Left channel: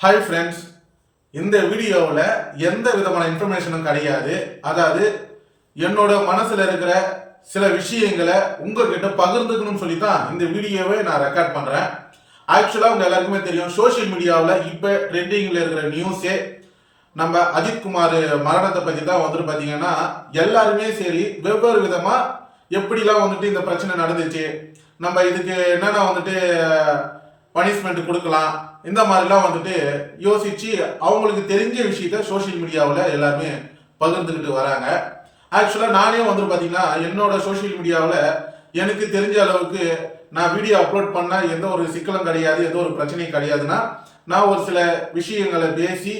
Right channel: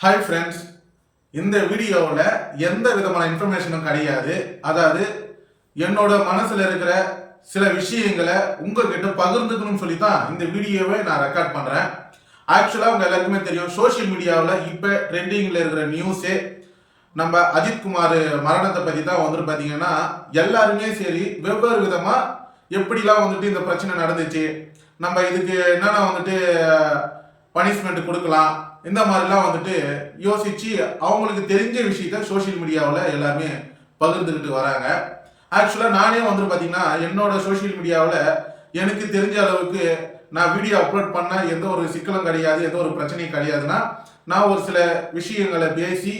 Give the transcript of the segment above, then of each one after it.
Hi friends, இந்த வீடியோவில் எந்த விதமான இன்ஃபர்மேஷனும் கிடையாது. அதாவது என்னோட மனசில் இருக்கிற சில விஷயங்களை உங்ககிட்ட பகிர்ந்துக்கணும்னு சொல்லி தான் இந்த வீடியோவை நான் ரெக்கார்ட் பண்ணுறேன். ஆக்சுவலாக உங்கள் எல்லாருக்குமே தெரியும், சோஷியல் மீடியாவில் இப்போ ட்ரெண்டிங்கில் இருக்கிற நியூஸே நம்ம அஜித்குமார் மரணத்தை பற்றி தான் வந்துட்டு பார்த்தீங்கன்னா எல்லாருமே சரி வெவ்வேறு விதமாக எப்படிலாம் வந்துட்டு இந்த பிரச்சனை நடந்துச்சு, நம்ம இதுக்கு என்னென்ன வந்துட்டு பனிஷ்மெண்ட் கொடுக்கலாம், இந்த மாதிரிலாம் வந்துட்டு யோசிச்சு அவங்களுக்கு தெரிஞ்ச விஷயத்த சோஷியல் மீடியாவில் எல்லாருமே பகிர்ந்துக்கிட்டு வராங்க. ஆக்சுவலாக நானே வந்துட்டு பார்த்தீங்கன்னா என்னோட சோஷியல் மீடியாவில் எனக்கு தெரிஞ்ச அளவுக்கு நான் வீடியோ அப்லோட் பண்ணால் எந்த ஒரு சிக்கலும் கிடையாது, எந்த ஒரு பிரச்சனையும் கிடையாதுன்னா நான் ஒரு சில விஷயங்களை பேசி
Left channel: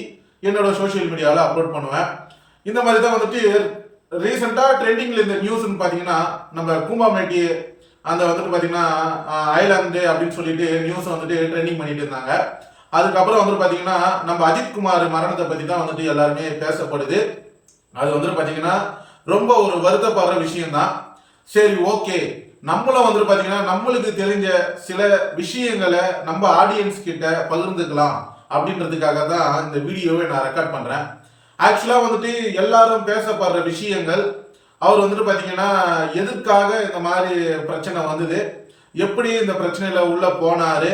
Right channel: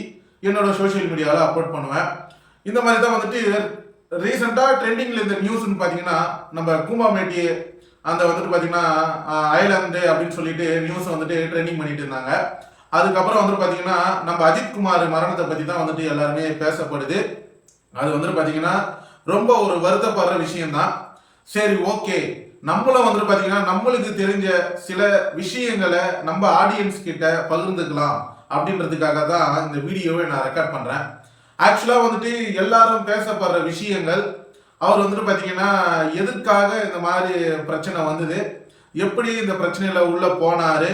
என்னோட சோஷியல் மீடியாவில் அப்லோட் பண்ணுவேன். இந்த மாதிரி தான் வந்துட்டு ரீசெண்டாக ட்ரெண்டிங்கில் இந்த நியூஸ்ன்னு பார்த்தீங்கன்னா நம்ம கும்பாமேட்டி அந்த வந்துட்டு பார்த்தீங்கன்னா ஐலாண்டு அப்படின்னு சொல்லிட்டு நியூஸ் வந்துட்டு ட்ரெண்டிங் பண்ணிட்டு இருந்தாங்க. அதுக்கப்புறம் வந்துட்டு பார்த்தீங்கன்னா நம்ம அஜித்குமார் மரணத்தை பற்றி தான் வந்துட்டு எல்லாருமே பேசப்படுது. அது வந்துட்டு பார்த்தீங்கன்னா ரொம்ப ஒரு வருத்தப்படுற விஷயம்தான். சரி, ஓகே, நம்மளும் வந்துட்டு பார்த்தீங்கன்னா நம்மளுக்கு தெரிஞ்ச சில விஷயங்களை நம்ம ஆடியன்ஸ் கிட்ட பகிர்ந்துக்கலாம் அப்படின்றதுக்காக தான் இந்த வீடியோவை நான் ரெக்கார்ட் பண்ணுறேன். ஆக்சுவலாக வந்துட்டு எல்லாரும் பேசப்படுற விஷயங்கள், அவர் வந்துட்டு பார்த்தீங்கன்னா எதுக்காக இந்த மாதிரி பிரச்சனை வந்தது, எப்படி இந்த பிரச்சனையில் உள்ளே போனார்,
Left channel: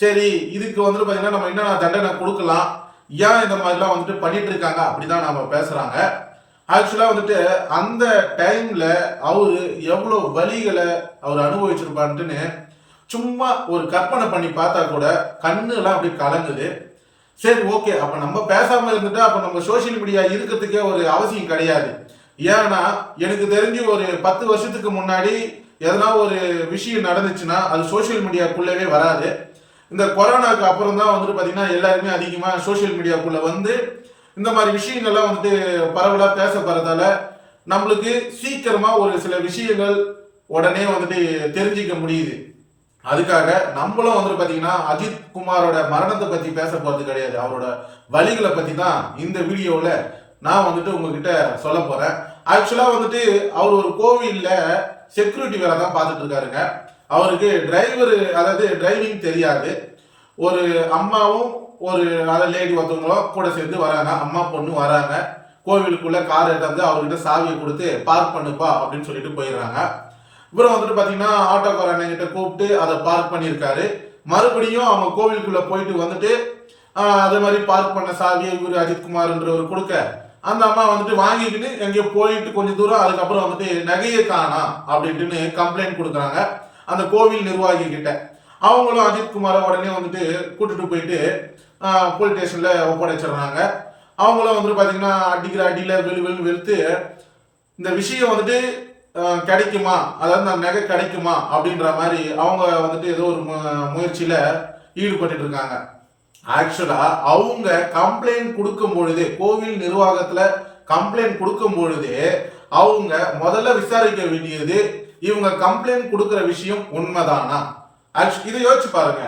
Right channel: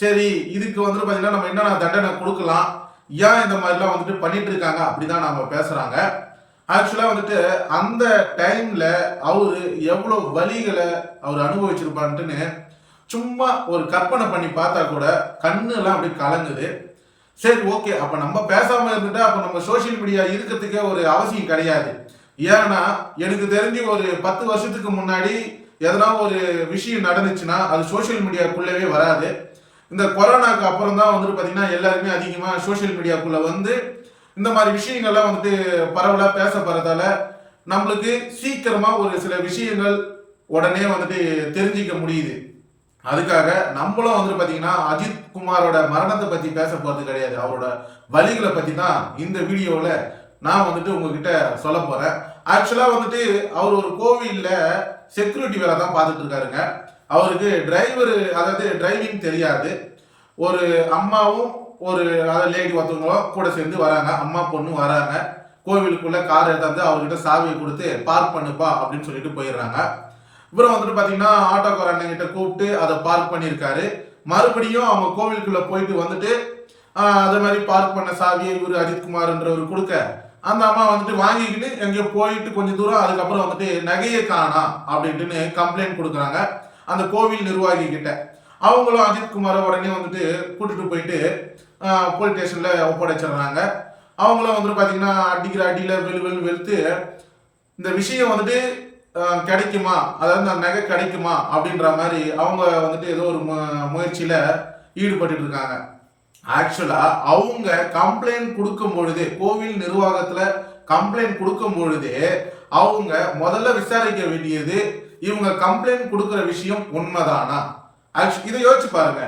சரி இதுக்கு வந்துட்டு பார்த்தீங்கன்னா நம்ம என்னென்ன தண்டனை கொடுக்கலாம், ஏன் இந்த மாதிரிலாம் வந்துட்டு பண்ணிட்டு இருக்காங்க அப்படி தான் நாம் பேசுகிறாங்க. ஆக்சுவலாக வந்துட்டு அந்த டைமில் அவர் எவ்வளோ வலிகளை அவர் அனுபவிச்சிருப்பான்ட்டுன்னு சும்மா ஒரு கற்பனை பண்ணி பார்த்தா கூட கண்ணுலாம் அப்படி கலங்குது. சரி, ஓகே, அப்போ நம்ம பேசாமல் இருந்துட்டா அப்போ நம்ம சோஷியல் மீடியா இருக்கிறதுக்கே ஒரு அவசியம் கிடையாது. ஏன்னா எனக்கு தெரிஞ்சு ஒரு 10 வருஷத்துக்கு முன்னாடி எதனா ஒரு விஷயம் நடந்துச்சுன்னா அது சோஷியல் மீடியாக்குள்ளவே வராது. இந்த கொரோனாவுக்கு அப்புறம் தான் வந்துட்டு பார்த்தீங்கன்னா எல்லாருமே அதிகமாக சோஷியல் மீடியாக்குள்ளே வந்து இந்த மாதிரி விஷயங்கள்லாம் வந்துட்டு பரவலாக பேசப்படுறதால நம்மளுக்கு சீக்கிரமாக ஒரு சில விஷயங்கள் உடனே வந்துட்டு தெரிஞ்சிக்க முடியுது. அதுக்காக நம்மளும் வந்துட்டு பார்த்தீங்கன்னா அஜித்குமாரோட மரணத்தை பற்றி பேச போகிறது கிடையாது, அவரோட வலிகளை பற்றி தான் இந்த வீடியோவில் நான் வந்துட்டு உங்ககிட்ட சொல்ல போகிறேன். ஆக்சுவலாக வந்துட்டு அவர் ஒரு கோவிலில் செக்யூரிட்டி வேலை தான் பார்த்துட்டு இருக்காருங்க. அவருக்கு அதாவது டிரைவிங் தெரியாது. ஒரு அம்மாவும் ஒரு லேடி ஒருத்தவங்களும் கூட சேர்ந்து வராங்க, அம்மா பொண்ணு வராங்க. கோவிலுக்குள்ளே கார் எடுத்தாந்து அவர்கிட்ட சாவியை கொடுத்து பார்க் பண்ணுப்பா அப்படின்னு சொல்லிட்டு போயிடுறாங்க. இவரும் வந்துட்டு பார்த்தீங்கன்னா ஆட்டோக்கார அண்ணங்கிட்ட கூப்பிட்டு அதை பார்க் பண்ணியிருக்காரு. மறுபடியும் அவங்க கோவிலுக்குள்ளே போயிட்டு வந்துட்டு அது மாதிரி பார்க் பண்ண சாவியை இவர் அஜித்குமார்ன்றவர் கொடுக்க அந்த அம்மா வந்துட்டு வாங்கிக்கின்னு எங்கேயோ போயிட்டு கொஞ்சம் தூரம் அதுக்கப்புறம் வந்துட்டு நகையை காணா அப்படின்ட்டுன்னு கம்ப்ளைண்ட் கொடுக்குறாங்க அந்த கோவில் நிர்வாகி கிட்ட. அவங்களும் அஜித்குமாரை உடனே வந்துட்டு கூட்டிட்டு போயிட்டு போலீஸ் ஸ்டேஷனில் ஒப்படைச்சிடுறாங்க. அவங்களும் வந்துட்டு பார்த்தீங்கன்னா அடிக்கிற அடியில் வெளுத்து இந்த விஷயம் வந்துட்டு கிடைக்குமா, அதாவது அந்த நகை கிடைக்குமா அப்படின்ற மாதிரி அவங்க வந்துட்டு ஏதோ ஒரு முயற்சியில் ஈடுபட்டு இருக்காங்க. ஆக்சுவலா அவங்க கம்ப்ளைண்ட் கொடுக்கும் பொழுது, கோவில் நிர்வாகத்துல கம்ப்ளைண்ட் கொடுக்கும் பொழுது அவங்க முதல்ல விசாரிக்க வேண்டியது இவங்க கம்ப்ளைண்ட் கொடுக்குற விஷயம் உண்மைதானா. இதை யோசிச்சு பாருங்க,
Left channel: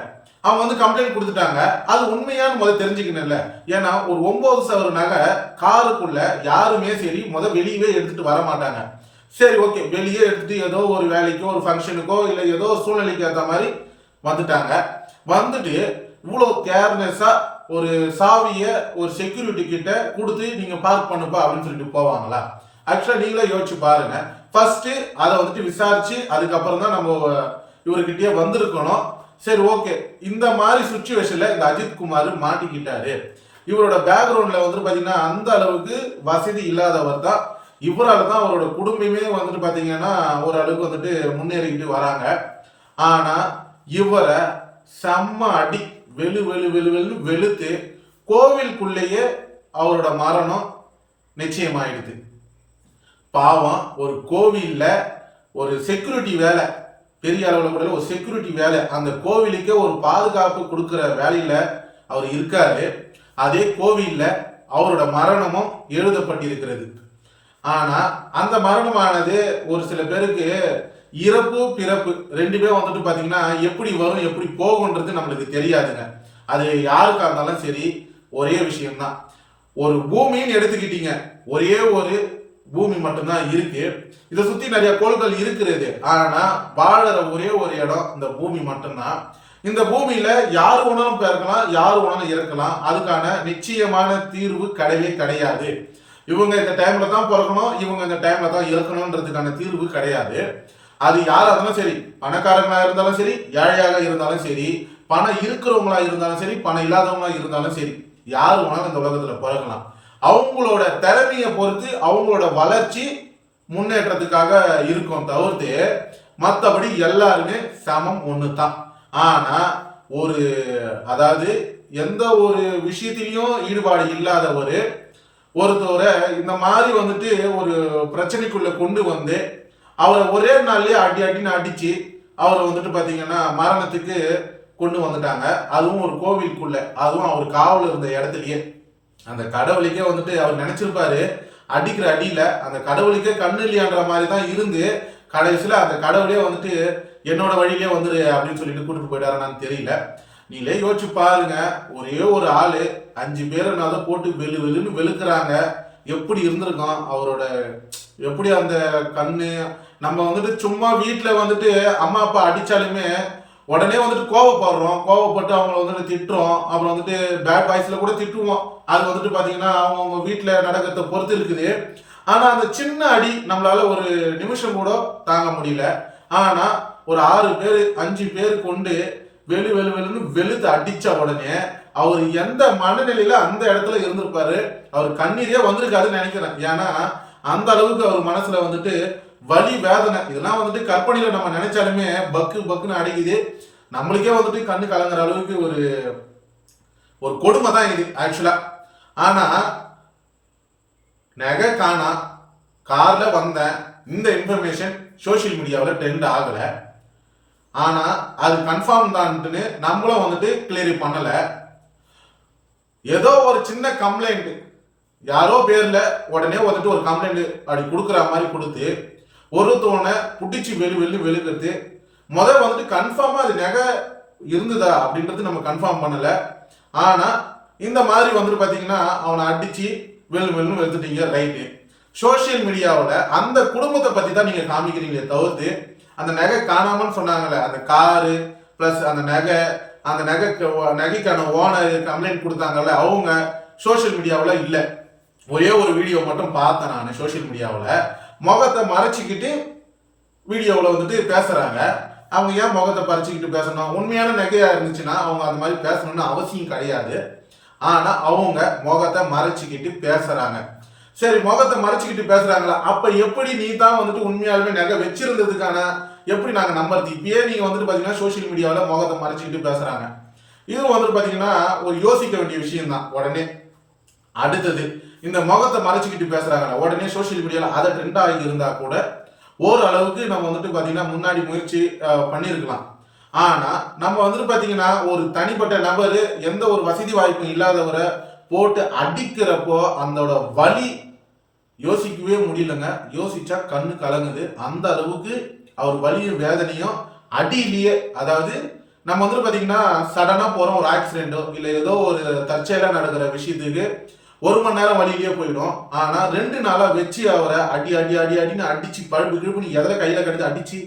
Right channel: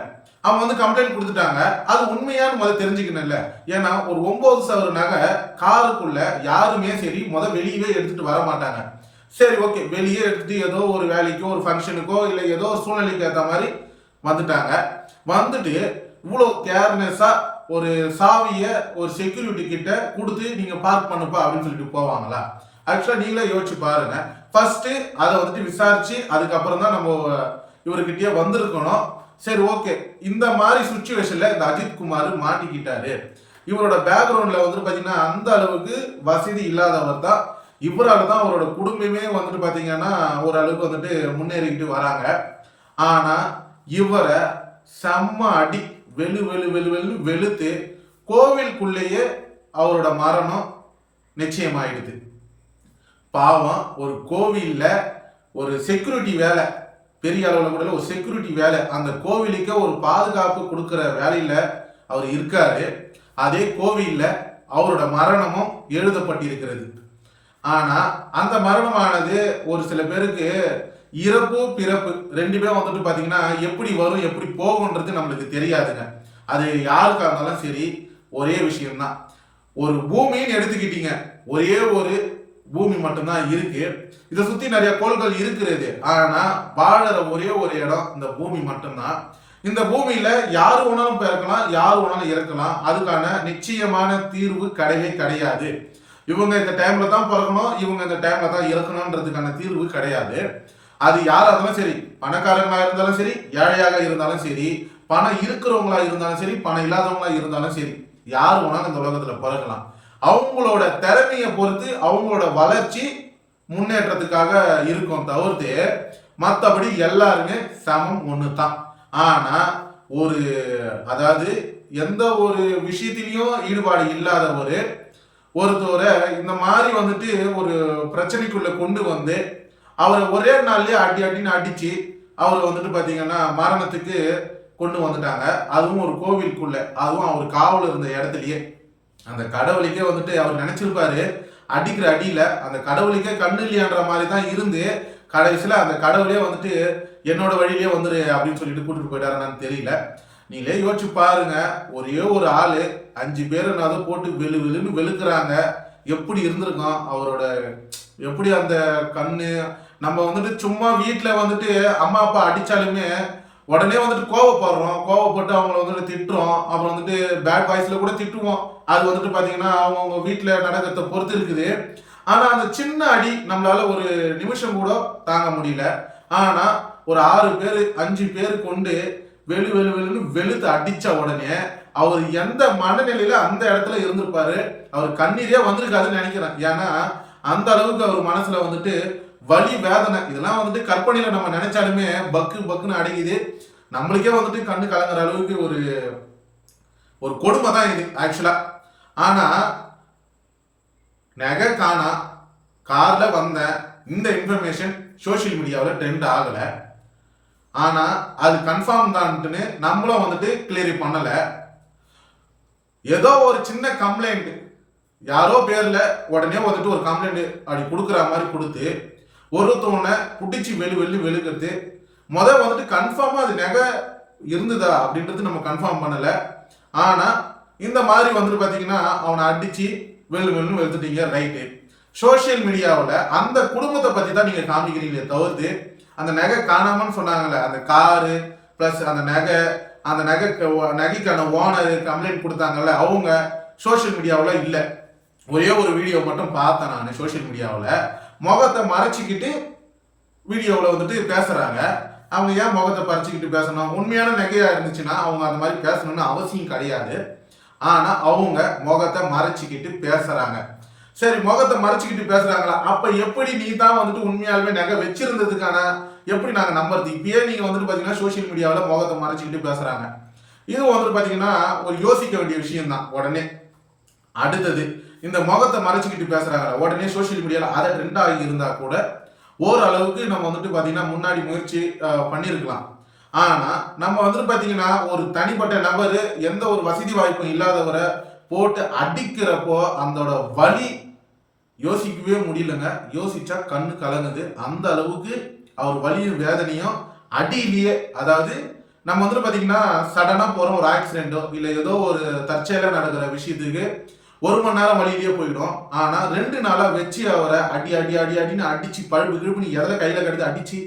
அவங்க வந்து கம்ப்ளைண்ட் கொடுத்துட்டாங்க, அது உண்மையானு முதல்ல தெரிஞ்சுக்கணும்ல. ஏன்னா ஒரு 9 சவர நகை காருக்குள்ள யாருமே சரி வெளியவே எடுத்துட்டு வர மாட்டாங்க. சரி, ஓகே, வெளியே எடுத்துட்டு ஏதோ ஒரு வேலைக்கோ ஒரு ஃபங்க்ஷனுக்கோ இல்லை ஏதோ சூழ்நிலைக்கு ஏற்ற மாதிரி வந்துட்டாங்க. வந்துட்டு இவ்வளோ கேர்லெஸ்ஸாக ஒரு சாவியை ஒரு செக்யூரிட்டி கிட்ட கொடுத்து நீங்கள் பார்க் பண்ணுப்பா அப்படின்னு சொல்லிட்டு போவாங்களா? ஆக்சுவலாக நீங்களே யோசிச்சு பாருங்க. ஃபர்ஸ்ட் அதை வந்துட்டு விசாரிச்சு அதுக்கப்புறம் தான் நம்ம இவர்கிட்டயே வந்திருக்கணும். சரி, ஓகே, இந்த மாதிரி சுச்சுவேஷன்ல இந்த அஜித்குமார் மாட்டிக்கிட்டாரு. இவரோட பேக்ரவுண்ட்ல வந்துட்டு பார்த்தீங்கன்னா அந்த அளவுக்கு வசதி இல்லாதவர் தான். இவரால் தான் அவரோட குடும்பமே வந்துட்டு பார்த்தீங்கன்னா ஓரளவுக்கு வந்துட்டு முன்னேறிக்கிட்டு வராங்க. ஆனால் இவரை செம்ம அடி வெளுத்து கோவிலுக்குள்ளேயே அவரோட மரணம் நிச்சயமாயிடுது. பாவம், ஒரு கோவில்ல ஒரு செக்யூரிட்டி வேலை, பெரிய அளவில் கூட ஒரு செக்யூரிட்டி வேலை, அந்த கோவிலுக்கே ஒரு பாதுகாப்பு கொடுக்குற வேலையில அவர் இருக்காரு. அதே கோவில்ல அவரோட மரணமும் எழுதப்பட்டிருக்கிறது. ஆனா அந்த மரணமானது ஒரு சில பேருக்கு இறப்பு பிறப்பு ரெண்டுமே வந்துட்டு பார்த்தீங்கன்னா எப்படி வரும் எப்படி போகுன்றது நம்மளுக்கு தெரியாதுங்க. அது யாருக்கா இருந்தாலும் சரி ஒரே விஷயம்தான். ஒரு பூமின்னு எடுத்துக்கிட்டீங்க, ஒரே ஒரு பூமி மட்டும்தான் இருக்கு. இதை சுற்றி நிறைய கோள்கள் இருக்கிறது, ஆனால் வாழற ஒரே ஒரு இடம் இந்த பூமி மட்டும்தான். இந்த பூமியில யாரு வேணாலும் பிறக்கலாம், யாரு வேணாலும் இறக்கலாம். அதுக்கான நிச்சயமான தீர்வு கிடையவே கிடையாது. இவங்க இந்த டைம்ல தான் பிறக்கணும், இவங்க இந்த டைம்ல தான் இறக்கணும்ன்றதுக்கான தீர்வு கிடையாது. அது யாரா இருந்தாலும் சரி, பணக்காரங்களா இருந்தாலும் சரி, ஏழையாக இருந்தாலும் சரி, பணம் இருக்கிறவங்களா இருந்தாலும் சரி, பணம் இல்லாதவங்களா இருந்தாலும் சரி, யாரு வேணாலும் இந்த உலகத்துல பிறக்கலாம். அவங்களோட திறமையை பொறுத்து அவங்களோட வளர்ச்சி முன்னேற்றத்துக்காக இருக்கும் தவிர்த்து மற்றபடி எல்லாருமே சமம் ஒன்று தான். ஆனா ஒரு அதாவது எந்த ஒரு விஷயத்திலையும் ஈடுபாடு இல்லாத ஒருத்தவரை இந்த மாதிரி வந்துட்டு ஒரு பிரச்சனைக்குள்ள கொண்டு வந்து அவரை ஒரே நாள்லயே அடின்னு அடிச்சு அவரை வந்துட்டு பாத்தீங்கன்னா மரணத்துக்கு கொண்டு வந்துட்டாங்க. அதுவும் ஒரு கோவிலுக்குள்ள, அதுவும் அவர் காவல் இருந்த இடத்துலயே. அந்த கடவுளுக்கே வந்துட்டு அவர் நினைச்சிருப்பாரு அடிக்கிற அடியில அந்த கடவுளுக்கே கண்ணு இல்லையான்ற மாதிரி தான் இருந்து கடைசியில அந்த கடவுளே வந்துட்டு என்னோட வழியிலே வந்துரு அப்படின்னு சொல்லிட்டு கூட்டிட்டு போயிட்டாருன்னு தெரியல. நீங்களே யோசிச்சு பாருங்க, ஒரே ஒரு ஆளு 5 பேரை அதை போட்டு வெளுன்னு வெளுக்குறாங்க. எப்படி இருந்திருக்கும் அவரோட, எப்படி அந்த கண்ணு. நம்ம வந்துட்டு சும்மா வீட்டில் வந்துட்டு அம்மா அப்பா அடிச்சாலுமே உடனே வந்துட்டு கோவப்படுறோம், கோவப்பட்டு அவங்கள வந்துட்டு திட்டுறோம், அப்புறம் வந்துட்டு பேட் வாய்ஸ்ல கூட திட்டுவோம். அது வந்துட்டு பாத்தீங்கன்னா அவங்க வீட்டில் நடக்கிறத பொறுத்து இருக்குது. ஆனா அந்த சின்ன அடி நம்மளால ஒரு நிமிஷம் கூட தாங்க முடியல. ஆனா ஒரு 6 பேர் 5 பேர் கொண்டு வெளுன்னு வெளுத்து அடிச்ச உடனே அவர் எந்த மனநிலையில அந்த இடத்துல இருந்திருப்பாரு, அவர் கண்ணீரே வந்திருக்காதுன்னு நினைக்கிறேன். ஏன்னா அந்த அளவுக்கு அவர் மனசுல வந்துட்டு வலி வேதனை இதெல்லாம் வந்துட்டு கற்பனையில நம்ம நினைச்சாலுமே பக்குன்னு அடிக்குது. நம்மளுக்கே வந்துட்டு கண்ணு கலங்குற அளவுக்கு ஒரு கொடுமை தான் இது ஆக்சுவலா. ஆனா நகை காணா, கார்ல வந்த இந்த இன்ஃபர்மேஷன் சோசியல் மீடியாவில் ட்ரெண்ட் ஆகல. ஆனா அது கன்ஃபார்ம் தான்ட்டுன்னு நம்மளும் வந்துட்டு கிளியர் பண்ணல. ஏதோ ஒரு சின்ன கம்ப்ளைண்ட் யாரோ பேர்ல உடனே வந்துட்டு ஒரு கம்ப்ளைண்ட் அப்படி கொடுக்குற மாதிரி கொடுத்து ஒருத்தவனை புடிச்சு வெளுக்கிறது. வந்துட்டு கன்ஃபார்மா அது நகை இருந்ததா அப்படின்றது நம்ம கன்ஃபார்ம் பண்ணல. ஆனா இந்த மாதிரி வந்துட்டு பாத்தீங்கன்னா அவனை அடிச்சு வெளுன்னு வெளுத்துட்டீங்க, ரைட்டு. சோசியல் மீடியாவில் அந்த குடும்பத்தை பத்தி தான் நீங்க காமிக்கிறீங்களே தவிர்த்து அந்த நகை காணாமன்னு சொன்னாங்கல்ல, அந்த காரு பிளஸ் அந்த நகைக்கான ஓனர் கம்ப்ளைண்ட் கொடுத்தாங்கல்ல, அவங்க சோசியல் மீடியாவில் இல்லை. ஒரே ஒரு வீடியோ மட்டும் பார்த்தேன் நான் சோசியல் மீடியாவில். முகத்தை மறைச்சிக்கிட்டு வீடியோவில் வந்துட்டு பேசுறாங்க. அவங்க ஏன் முகத்தை பறிச்சுக்கிட்டு பேசணும்? உண்மையான நகையா இருந்துச்சுன்னா அவங்க அந்த மாதிரி பேசணும்னு அவசியம் கிடையாது. ஆனா அவங்க முகத்தை மறைச்சிக்கிட்டு பேசுறாங்க. சரி, முகத்தை மறைச்சிக்கிட்டு பேசுறாங்களா, அப்ப எப்படி நீ தான் வந்துட்டு உண்மையாலுமே நகை வச்சிருந்ததுக்கான எப்படி நாங்க நம்புறது? இப்பயே நீங்க வந்துட்டு பாத்தீங்கன்னா சோசியல் மீடியாவில் முகத்தை மறைச்சிக்கிட்டு பேசுறாங்க. இது வந்துட்டு பாத்தீங்கன்னா ஒரு யோசிக்க வேண்டிய விஷயம் தான். உடனே அடுத்தது இந்த முகத்தை மறைச்சிக்கிட்டு பேசுறாங்க, உடனே சோசியல் மீடியாவில் அதை ட்ரெண்ட் ஆகி இருந்தா கூட ஓரளவுக்கு நம்ம வந்துட்டு பாத்தீங்கன்னா முன்னாடி முயற்சி பண்ணியிருக்கலாம். ஆனா நம்ம வந்துட்டு பாத்தீங்கன்னா ஒரு தனிப்பட்ட நபர் எந்த ஒரு வசதி வாய்ப்பும் இல்லாதவரை போட்டு அடிக்கிறப்போ அதோட வலி யோசிக்கவே முடியலங்க. யோசிச்சா கண்ணு கலங்குது. அந்த அளவுக்கு அவர் வலியும் வேதனையும் அடியிலேயே, அதாவது நம்ம வந்துட்டு பாத்தீங்கன்னா சடனா போறோம் ஒரு ஆக்சிடென்ட்டோ இல்லை ஏதோ ஒரு தற்செயலா நடக்கிற விஷயத்துக்கு 1 மணி நேரம் வழியிலேயே போயிடும். ஆனா 2 நாளா வச்சு அவரை அடின்னு அடிச்சு பழுப்பு கிழப்புன்னு எதில் கையில கடித்து அடிச்சு,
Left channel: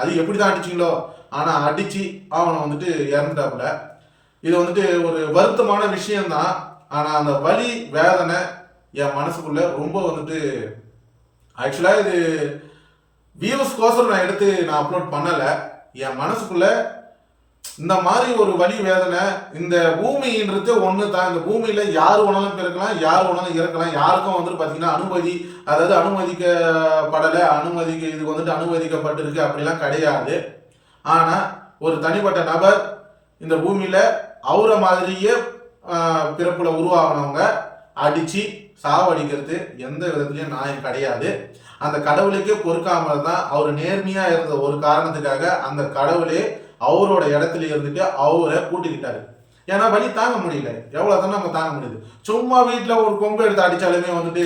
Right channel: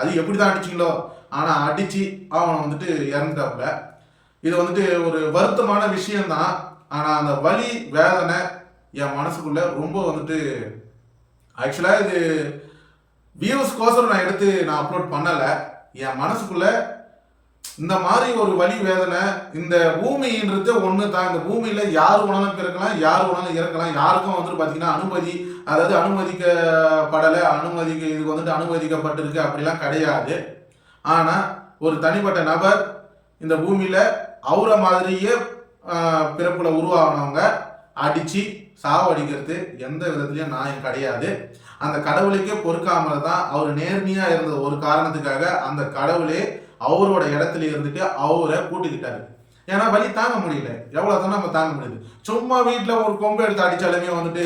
அது எப்படிதான் அடிச்சிங்களோ ஆனா அடிச்சு அவனை வந்துட்டு இறந்துட்டாப்புல. இது வந்துட்டு ஒரு வருத்தமான விஷயம்தான். ஆனா அந்த வலி வேதனை என் மனசுக்குள்ள ரொம்ப வந்துட்டு ஆக்சுவலா இது வியூஸ்கோசரம் நான் எடுத்து நான் அப்லோட் பண்ணல. என் மனசுக்குள்ள இந்த மாதிரி ஒரு வலி வேதனை. இந்த பூமின்றது ஒன்று தான். இந்த பூமியில யாரு வேணாலும் பிறக்கலாம், யாரு வேணாலும் இறக்கலாம். யாருக்கும் வந்துட்டு பாத்தீங்கன்னா அதாவது அனுமதிக்கப்படலை, இது வந்துட்டு அனுமதிக்கப்பட்டிருக்கு அப்படிலாம் கிடையாது. ஆனா ஒரு தனிப்பட்ட நபர் இந்த பூமியில அவரை மாதிரியே பிறப்புல உருவாகினவங்க அடிச்சு சாவடிக்கிறது எந்த விதத்திலயும் நியாயம் கிடையாது. அந்த கடவுளுக்கே பொறுக்காமல் தான் அவர் நேர்மையா இருந்த ஒரு காரணத்துக்காக அந்த கடவுளே அவரோட இடத்துல இருந்துட்டு அவரை கூட்டுக்கிட்டாரு. ஏன்னா வலி தாங்க முடியல, எவ்வளவு தானே நம்ம தாங்க முடியுது. சும்மா வீட்டுல ஒரு கொம்பு எடுத்து அடிச்சாலுமே வந்துட்டு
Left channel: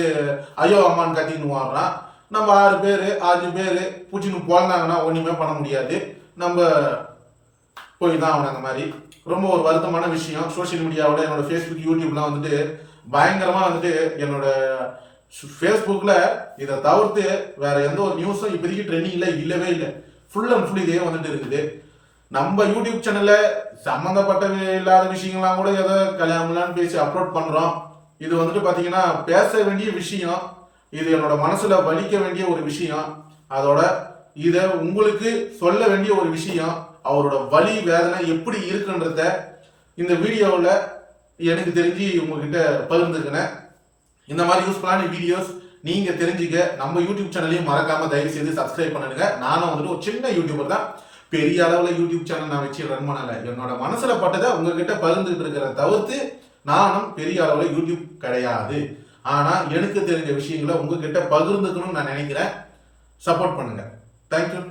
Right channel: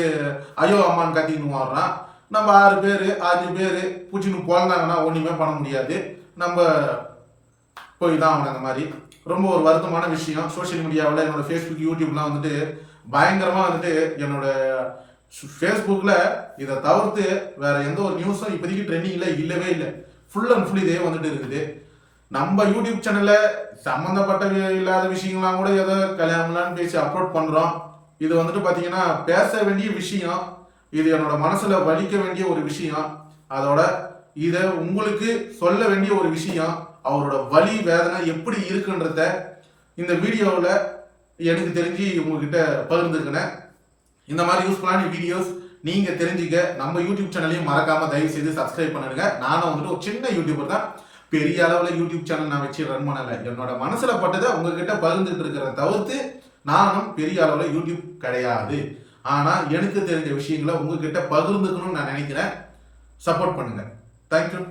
ஐயோ அம்மான்னு கத்திக்கின்னு வாடுறான். நம்ம 6 பேர் 5 பேர் பூச்சின்னு பிறந்தாங்கன்னா ஒண்ணுமே பண்ண முடியாது. நம்ம போய் தான் அவனை. அந்த மாதிரி ரொம்ப ஒரு வருத்தமான விஷயம். சோசியல் மீடியாவில் என்னோட ஃபேஸ்புக் யூடியூப்லாம் வந்துட்டு பயங்கரமா வந்துட்டு என்னோட ஃபேஸ்புக்கில் இதை தவிர்த்து வேற எந்த ஒரு நியூஸும் இப்போதைக்கு ட்ரெண்டிங்கில் இல்லவே இல்லை. ஃபுல் அண்ட் ஃபுல் இதே வந்துட்டு இருக்குது. நம்ம யூடியூப் சேனல்ல சம்மந்தப்பட்ட இல்லாத விஷயங்கள்லாம் கூட ஏதோ கல்யாணம்லாம் பேசி அப்லோட் பண்றோம். இது வந்துட்டு பாத்தீங்கன்னா பேச வேண்டிய விஷயம், இது என்னோட மனசுல வலிக்க வேண்டிய ஒரு விஷயம், அதோட இதை உங்களுக்கு சொல்ல வேண்டிய ஒரு விஷயம், அவரோட வலி வேதனை எப்படி இருக்குன்றத இந்த வீடியோவில் எனக்கு தெரிஞ்சு உங்ககிட்ட பகிர்ந்துக்கினேன். இந்த மாதிரி யூஸ்ஃபுல்லான வீடியோஸ் நீங்க தெரிஞ்சுக்க நம்ம யூடியூப் சேனலையும் மறக்காம தயவு செய்து சப்ஸ்கிரைப் பண்ணுங்க. நானும் வந்துட்டு ஒரு சின்ன யூடியூபர் தான், பெரிய அளவில் யூடியூப் சேனல் நான் வச்சு ரன் பண்ணலை. என்னோட மனசுல பட்டதை உங்ககிட்ட பகிர்ந்துட்டு இருக்கிறத தவிர்த்து நானும் பெரிய அளவில் யூடியூப் கிடையாது. ஆனா எனக்கு தெரிஞ்ச விஷயங்களை உங்ககிட்ட பகிர்ந்துக்கணும்னு நான் நினைக்கிறேன். சப்போர்ட் பண்ணுங்க. தேங்க்யூ.